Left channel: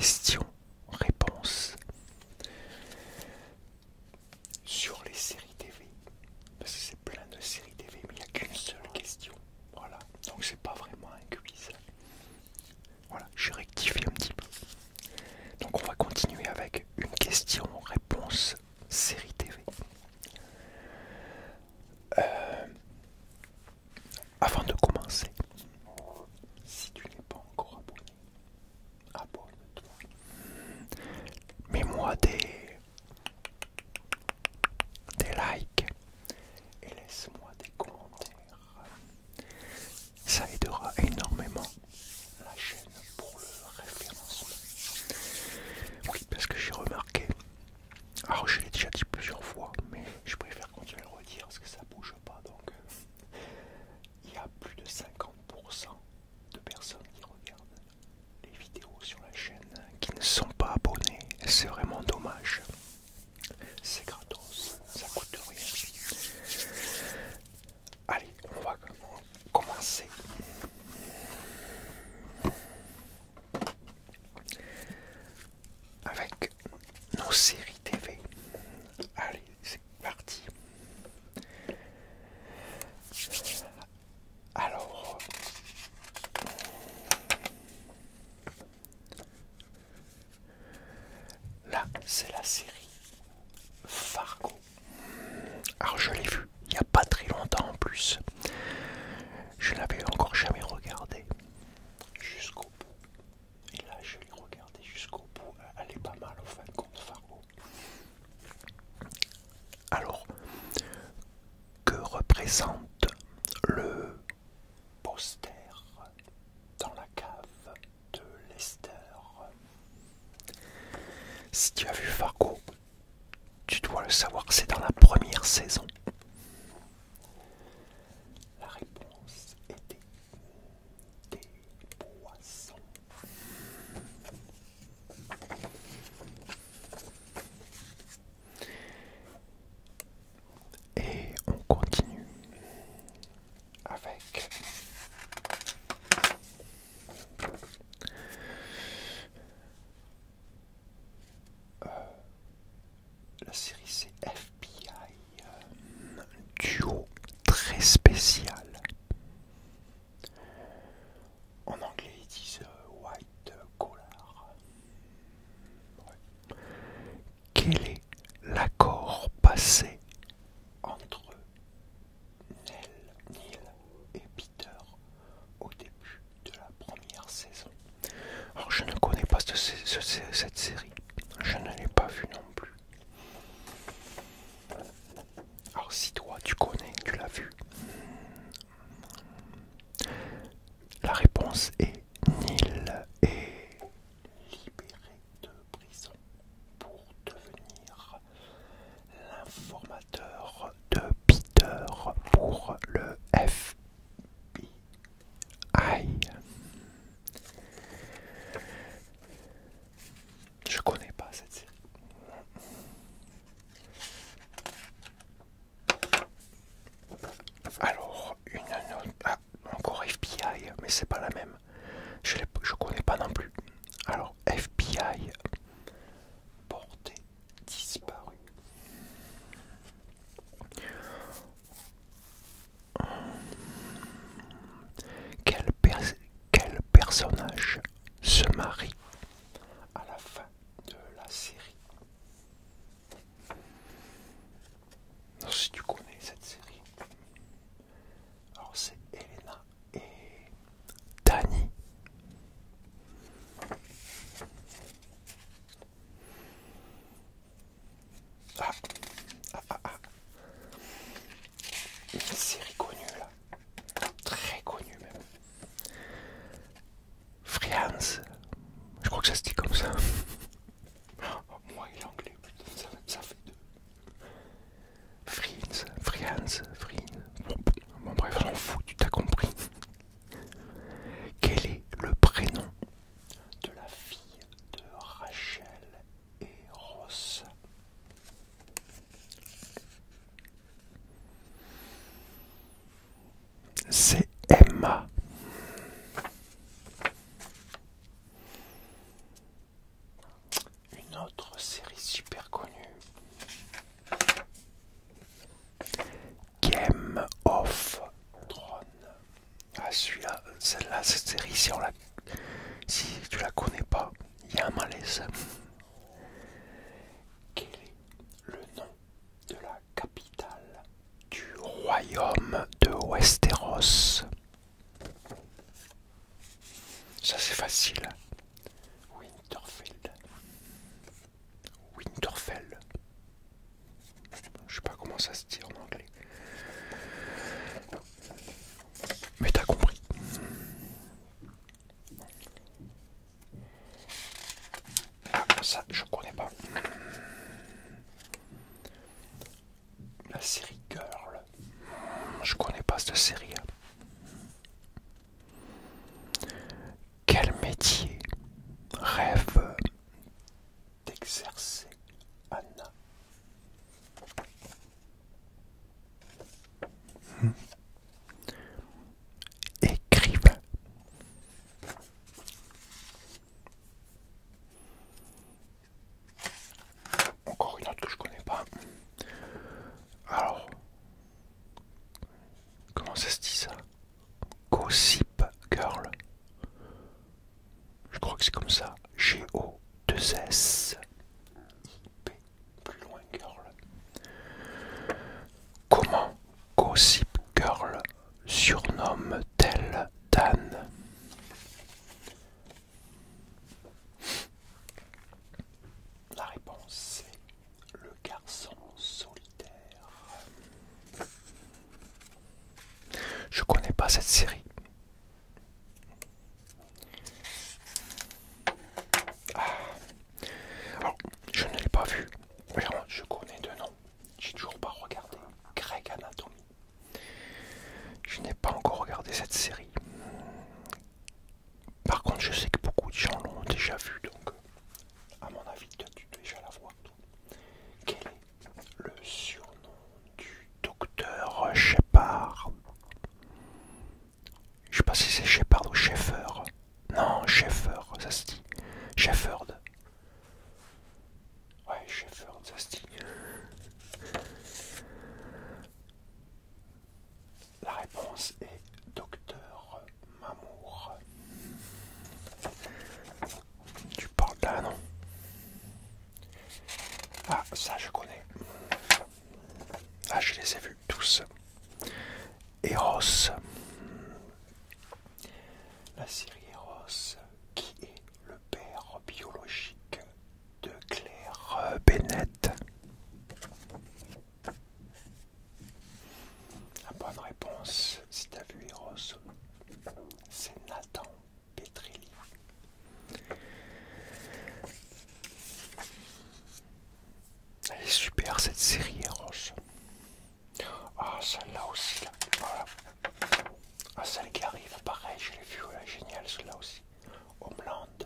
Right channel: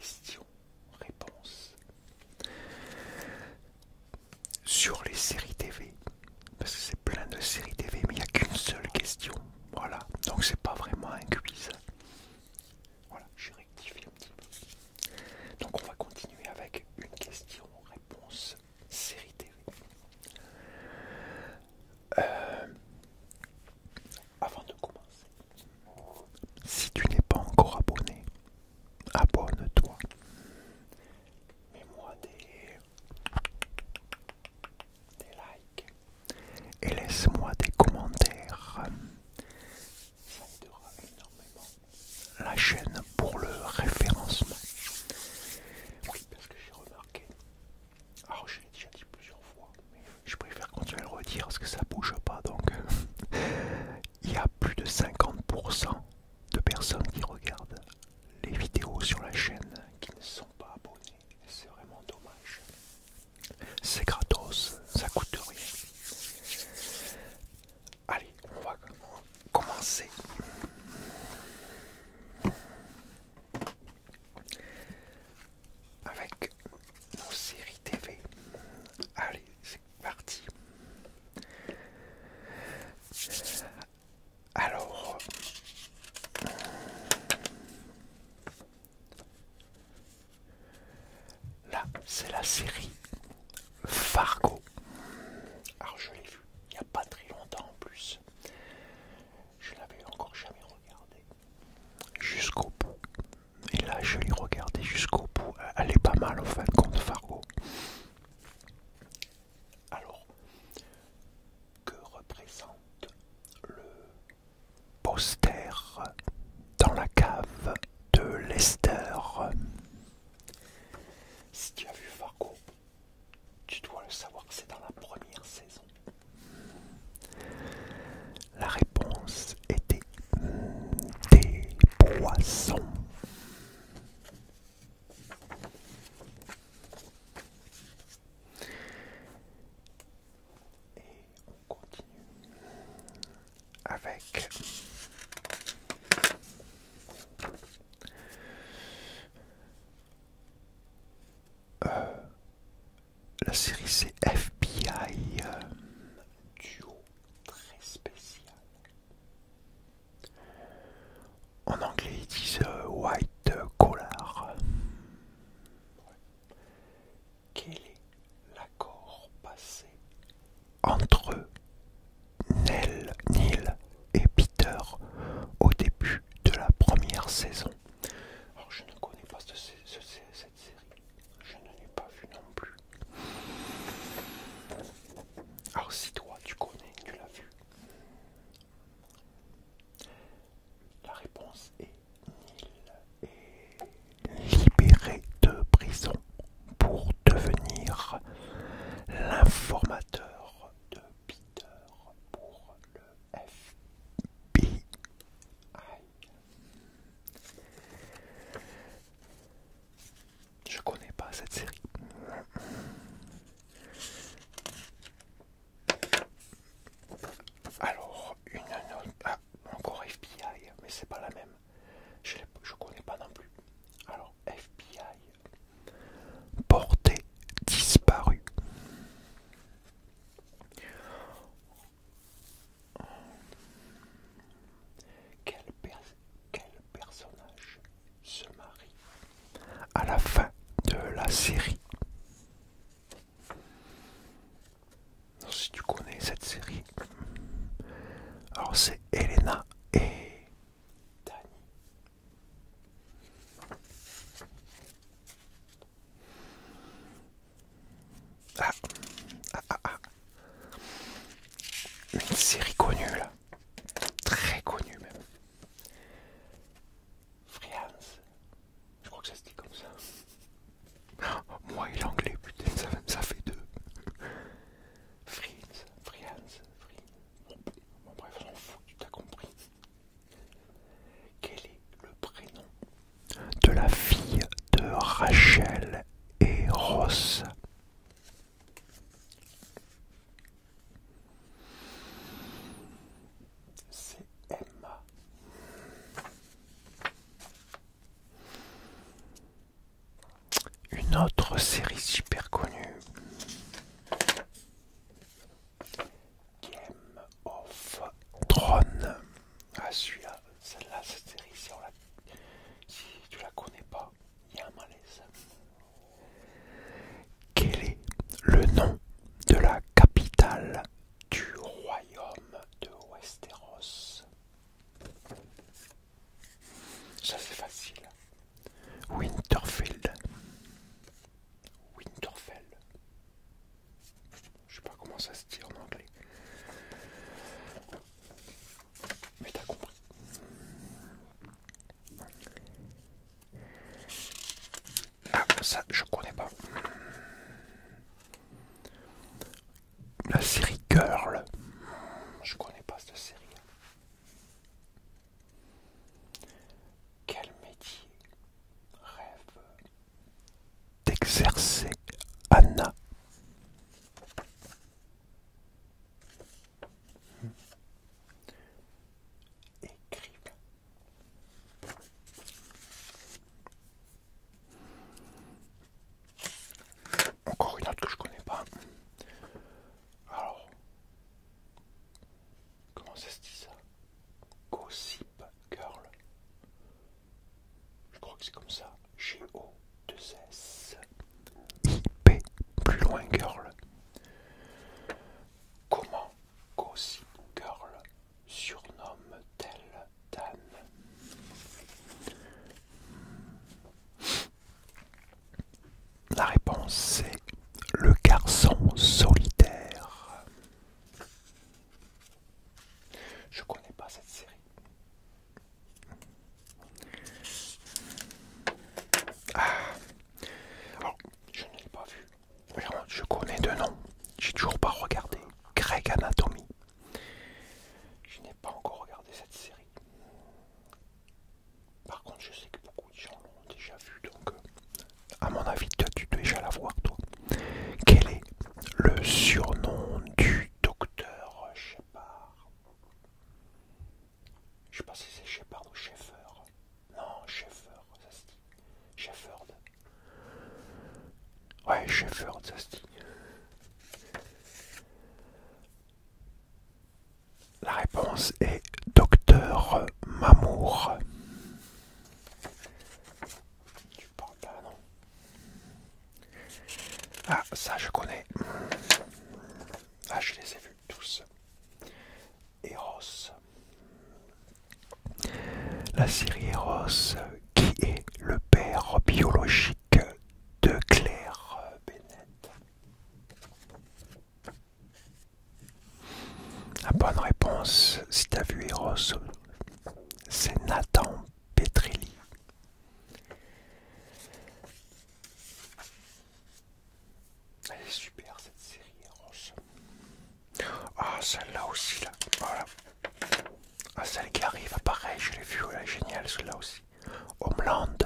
questions-réponses sur les séries TV. Parce que c'est plein de séries TV, mais il n'y a qu'une seule question. Voilà, donc c'est pas vraiment un quiz. Voilà, j'ai rectifié un petit peu. Donc on va continuer avec une question-réponse série TV. Avant de commencer, si tu n'es pas encore abonné, abonne-toi. Mets-moi des likes et laisse-moi des commentaires. Ça aidera énormément la chaîne pour le référencement. Oui, parce que j'ai remarqué, alors je l'ai déjà dit plusieurs fois, mais je préfère continuer à le redire parce que ça bouge pas. Donc il y a plus de 50% de personnes qui regardent les vidéos sur la chaîne qui ne sont pas abonnés. C'est vraiment dommage. C'est gratos, ça coûte rien. Allez, on va commencer. Avec nos séries TV. Allez, c'est parti. Alors, là, c'est la série Fargo. Alors, je l'ai vue il n'y a pas très longtemps en plus. Je l'avais encore jamais regardé jusqu'au bout. Et là, je l'ai regardé jusqu'au bout. Elle est pas mal en fin de compte, Fargo. Alors, que représente le poster dans la cave de Lester? Si tu as vu Fargo, tu dois le savoir, c'est dans la première saison. La réponse était des poissons. Et on continue avec la série, c'est FBI, duo très spécial. En anglais ils disent white collar. Quel est l'accord passé entre Neil et Peter au début de la première saison? Alors je ne connais pas cette série, je ne l'ai pas vue non plus. Alors si toi tu connais, tu l'as vue. La réponse est Neil est libéré de prison pour devenir l'informateur de Peter pour le FBI. Je connais pas cette série. Alors, une autre. Ah, encore FBI, mais c'est pas la même. Je connais pas non plus. Alors, FBI, portée disparue. Quel personnage se marie à la fin de la série? Alors, si tu connais cette série, alors c'est Elena et Danny. Une série connue là, très connue même. Friends, je crois que ça se dit comme ça. Moi et l'anglais, putain, ça fait deux. Friends. Bon bref, j'en fous, tu t'as compris. Quel est le prénom de la fille de Rachel et Ross? une autre série super connue, Game of Thrones. Ah, celui-là, celle-là, cette série, si tu la connais pas, il y a un malaise. Quel est le nom de la capitale du royaume de Westeros? Ça c'est facile. Winterfell. Winterfell. Je sais pas comment ça se dit en anglais. Mais t'as compris. Ah, ça je connais pas. La série Girl. Je connais pas cette série. Quel métier rêve d'exercer Anna? Écrivain. Encore une autre que je connais pas. Alors, comment ça se dit ça? Gossip Girl. Je crois que c'est comme ça. G-O-2-S-I-P. Plus loin Girl. Comment Gossip Girl surnomme-t-elle Dan? La réponse c'est le garçon solitaire. Je connais pas cette série. Alors, je ne l'ai pas vue. Vraiment, je connais de nom. J'ai toujours pas regardé. Grey Anatomy. Je n'ai pas encore regardé cette série. Par contre, je sais que beaucoup de gens l'ont déjà vue, donc à mon avis, tu dois déjà la voir, toi. Quel est le surnom du docteur Shepard? Je sais pas si c'est Shepard ou Sheffer. Non, Sheffer, ça se dit. Shefford. Ouais, Shefford, ça se dit. La réponse est Docteur Mamour. Tu parles là, non? Ah, ça je connais. Ah, je les ai vus tous. Eros. La série Eros, qui est le père biologique de Claire Bennett. La bonne réponse, si t'as vu Eros, c'est Nathan Petrelli. Elle est super cette série Eros. Ah, celle-là aussi, là. Voilà. Ah, celle qui arrive, pareil, je l'ai vue, elle est géniale, celle-là aussi. Homeland.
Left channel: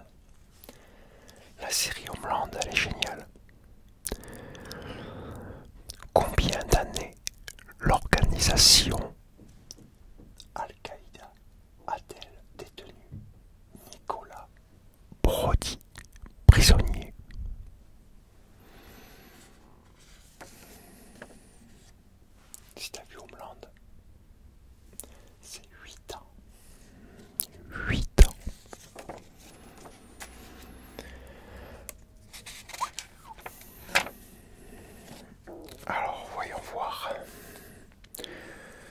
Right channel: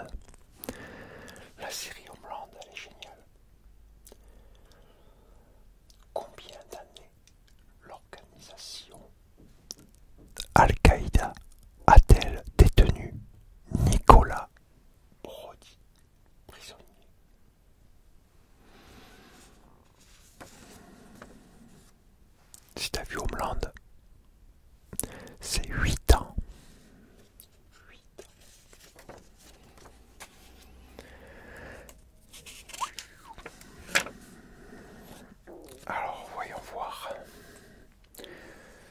La série Homeland, elle est géniale. Combien d'années l'organisation Al-Qaïda a-t-elle détenu Nicolas Brody, prisonnier? Si t'as vu Homeland, c'est 8 ans. 8 ans. Alors, voyons voir.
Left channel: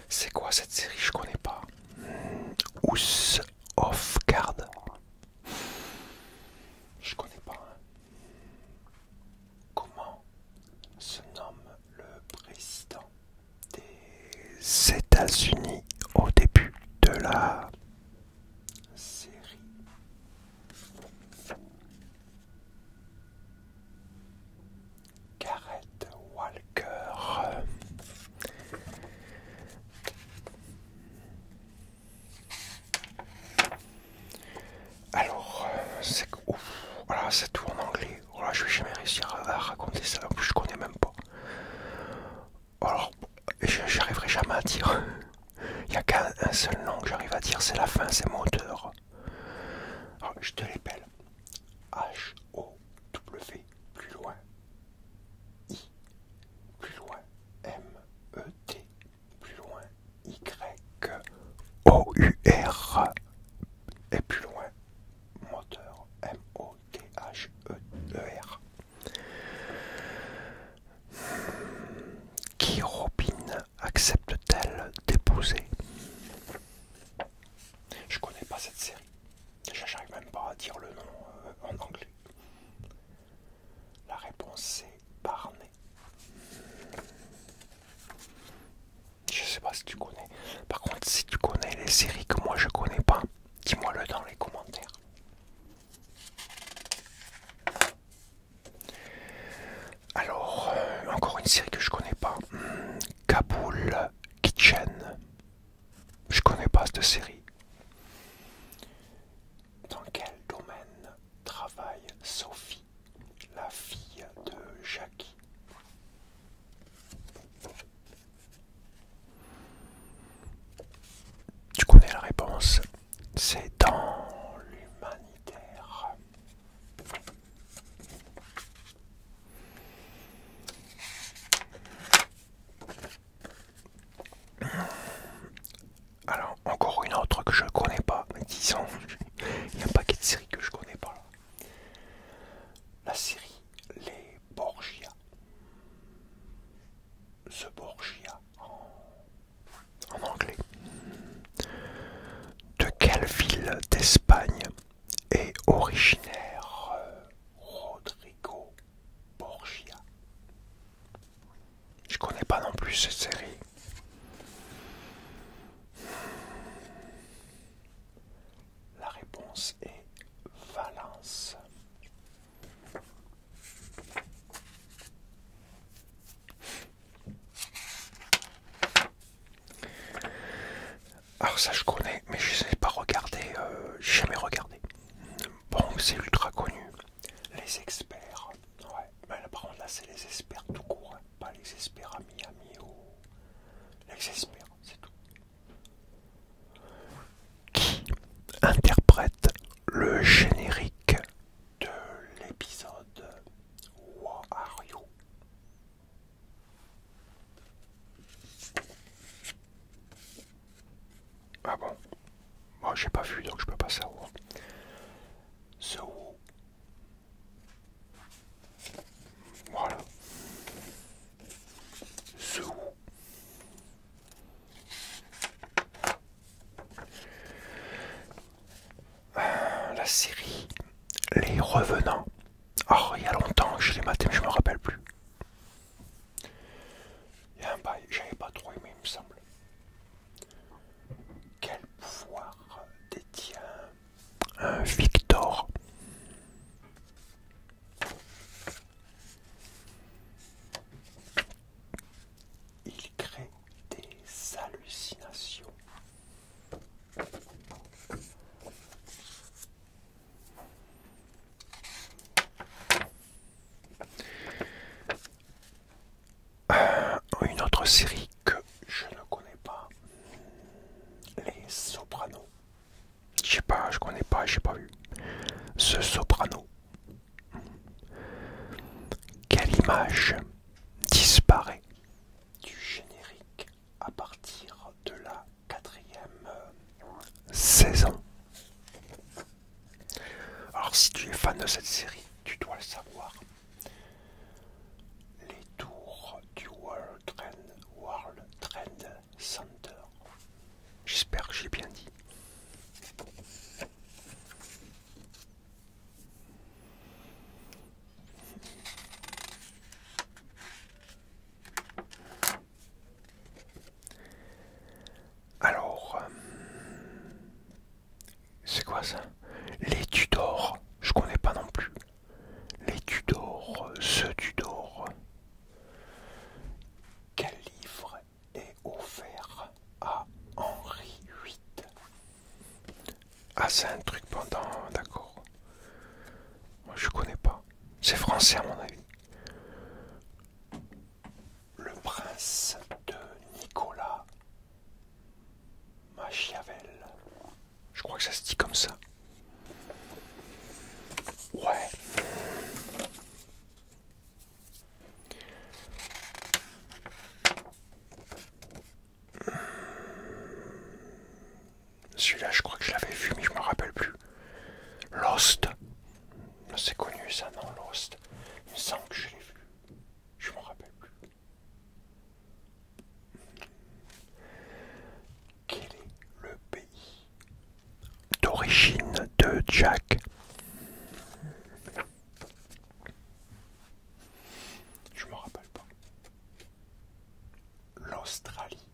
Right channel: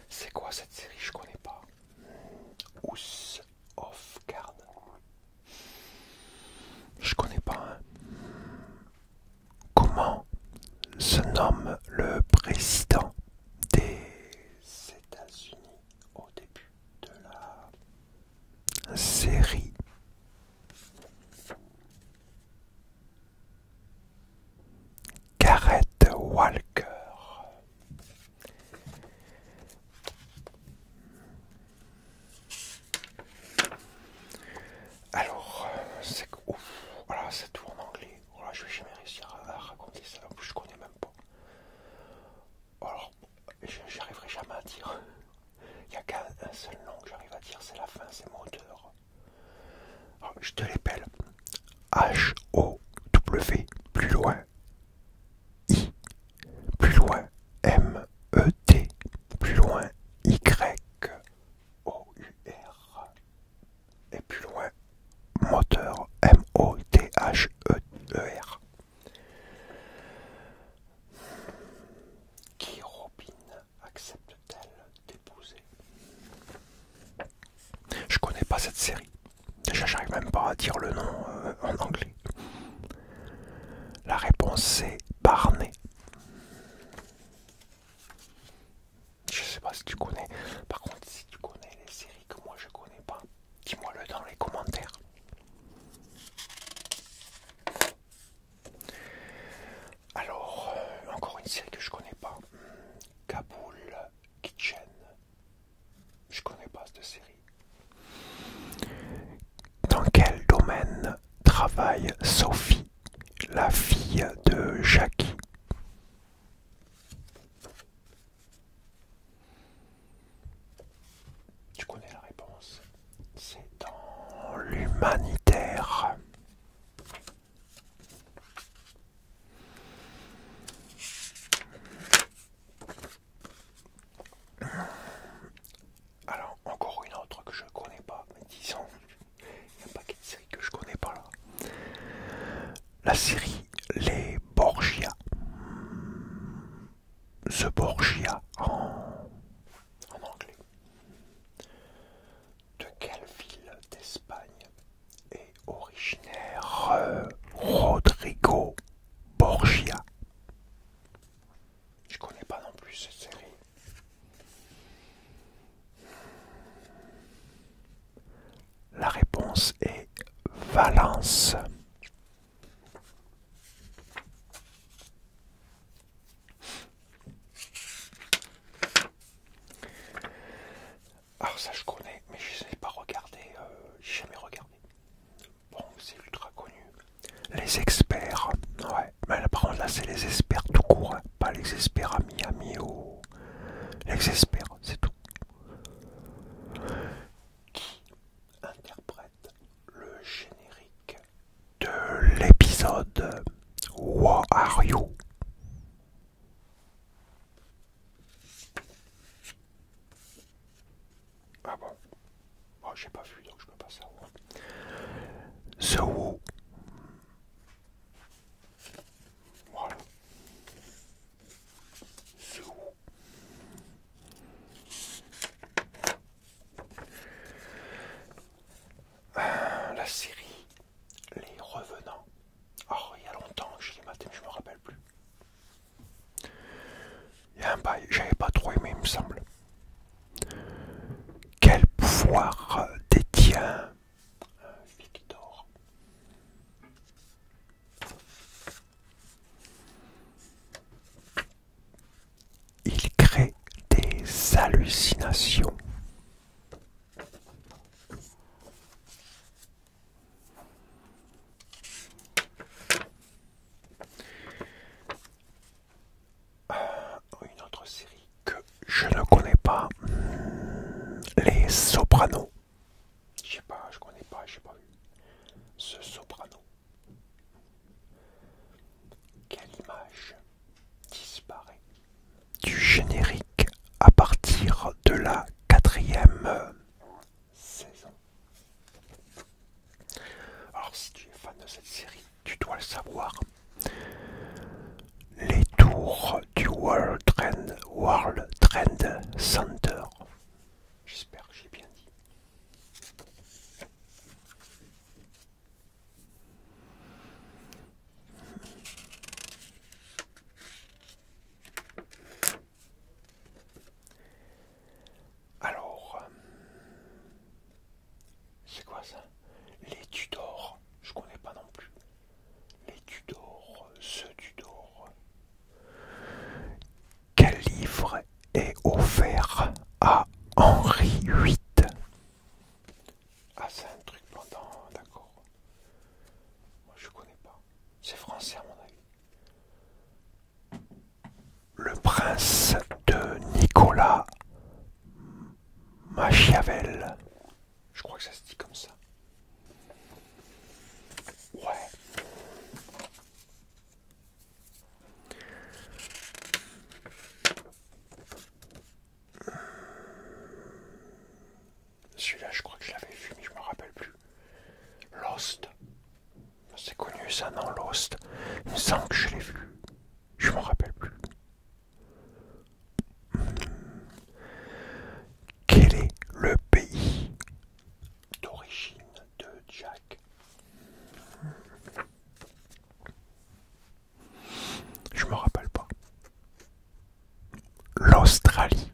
C'est quoi cette série? Je connais pas. House of Cards. Je connais pas. Hein. Comment se nomme le président des États-Unis au début de la série? Gareth Walker. Alors, c'est ouf. Voilà, c'est tout en anglais. Voilà, je vais jamais réussir à raconter ça. En plus, je connais même pas. Alors, j'arriverai jamais à dire. Il n'y a qu'un seul nom que j'arrive à dire, c'est la fin, c'est moteur. Alors, je te l'appelle. H-O-W une série que je connais pas. Kaboul Kitchen. Je connais pas cette série. Dans quel domaine travaille Sophie, la fille de Jackie? Tu connais la réponse. C'est dans l'humanitaire. Alors, encore une autre que je connais pas. Mais disons, il y a un paquet de séries que je connais pas là. La série Les Borgia. The Borgia en anglais. De quelle ville d'Espagne est originaire Rodrigo Borgia? Je connais pas non plus cette série. La réponse est Valence. Alors ça je connais, mais je sais pas regarder, j'ai jamais regardé. Bon, c'est ultra connu. Les experts, ouais, mais là, par contre là c'est les experts tout court, hein. Pas les experts à Miami ou les experts, c'est tout. Qui interprète le générique de l'épisode What Are You? Ah bon? Moi j'ai pas vu donc je peux pas savoir. The Who. Voilà. The Who. La série Les Revenants. Oh, il y a longtemps que je l'ai maté mais je me rappelle plus. Il y a un bail, j'avais pas trop aimé il me semble. Quel pouvoir détient Victor? Il crée des hallucinations. Une autre série que je ne connais pas, Les Sopranos. Je sais pas, je connais pas, j'ai pas vu. Ce Soprano. Quelle image disparaît du générique à partir de la 4e saison? Alors si tu es fan de cette série, tu dois le savoir. Les tours du World Trade Center. J'espère que j'ai bien dit. Alors, c'est quoi ça? Les Tudors, je connais pas non plus. Les Tudors, ce Tudor. Quel livre est offert à Henri VIII? Ah, c'est un truc pendant, d'accord. Moi, je connais pas. C'est français à mon avis. Le prince de Nicolas Machiavel. Je crois que ça se dit comme ça. Ouais. Celui-là, je crois que je l'avais vu, mais je me rappelle plus. Lost. C'est connu ça, non, Lost. Il me semble que je l'ai vu. Je me rappelle plus. Quel est le pays d'origine de Jack? Je me rappelle pas. L'Australie.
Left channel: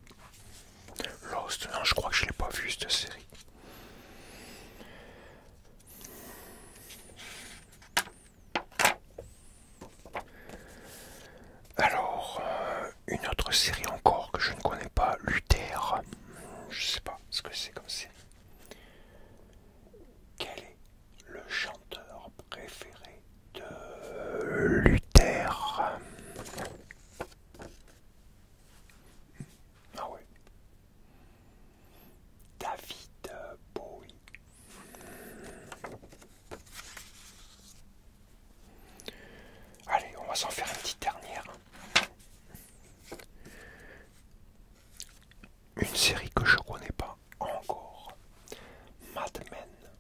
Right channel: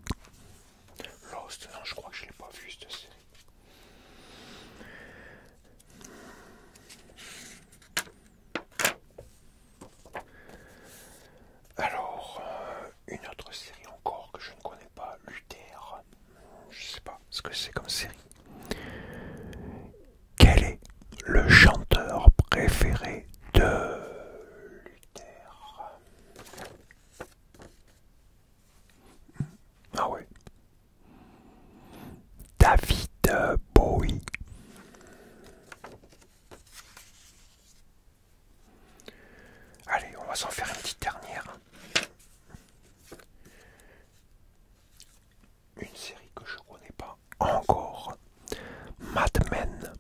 Lost, non, je crois que je l'ai pas vu cette série. Alors, va s'en faire une petite dernière. Une série que je connais pas encore. Mad Men.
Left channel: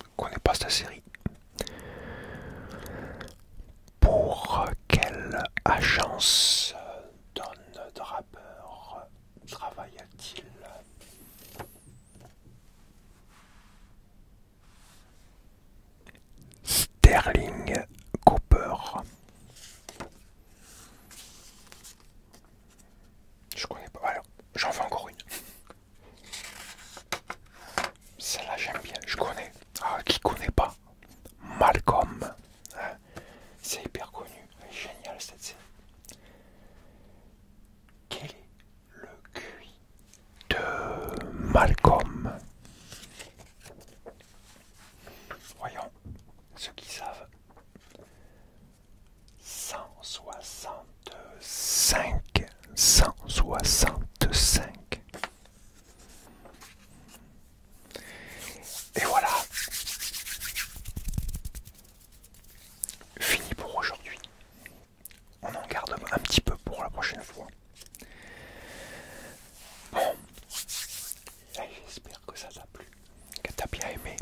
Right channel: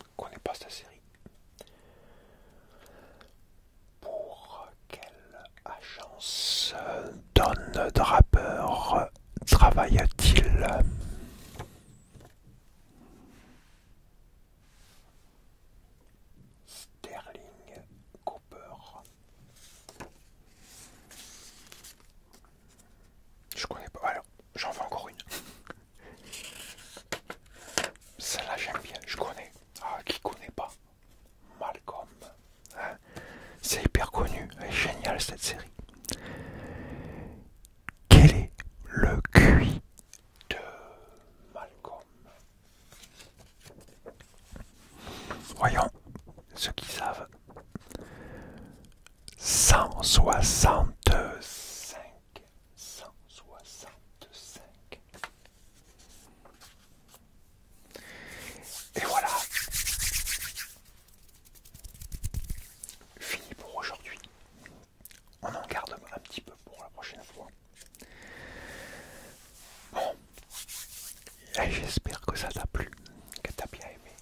Je connais pas cette série. Pour quelle agence Don Draper travaille-t-il? Sterling Cooper. Je connais pas. Alors, j'en fais encore une. Celle-là, j'aime bien. Je connais. Ah, qui connaît pas? Malcolm. Hein, c'est hyper connu. Elle est géniale cette série. Quel est le QI de Malcolm? Voyons, ceux qui savent. 165. 165. Et voilà. Fini pour aujourd'hui. On en garde un petit peu pour la prochaine fois. Bon. Et j'espère que ça t'a plu, que t'as bien aimé.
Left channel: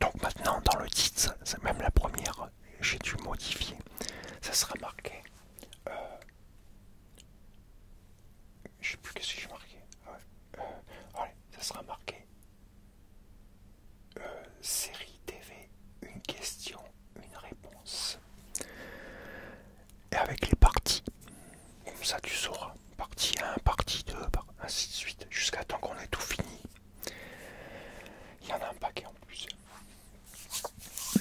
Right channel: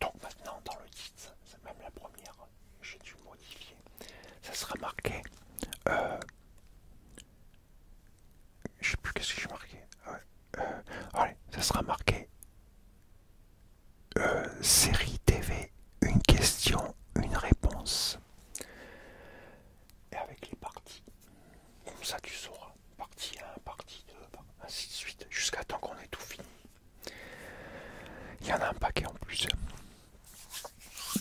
Donc maintenant, dans le titre, c'est même la première, j'ai dû modifier. Ça sera marqué. Je sais plus qu'est-ce que j'ai marqué. Allez, ça sera marqué. Série TV, une question, une réponse. Et avec les parties. Comme ça, tu sauras. Partie 1, partie 2, ainsi de suite. Jusqu'à temps qu'on ait tout fini. Il y en a un paquet en plus.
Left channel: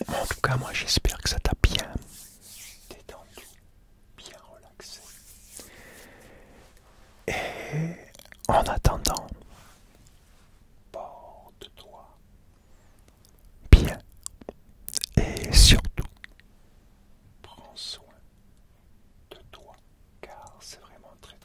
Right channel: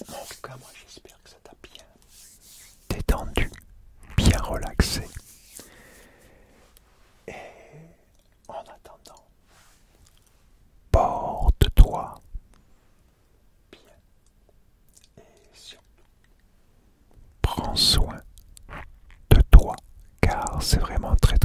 En tout cas, moi j'espère que ça t'a bien détendu, bien relaxé. Et en attendant, porte-toi bien et surtout, prends soin de toi car c'est vraiment très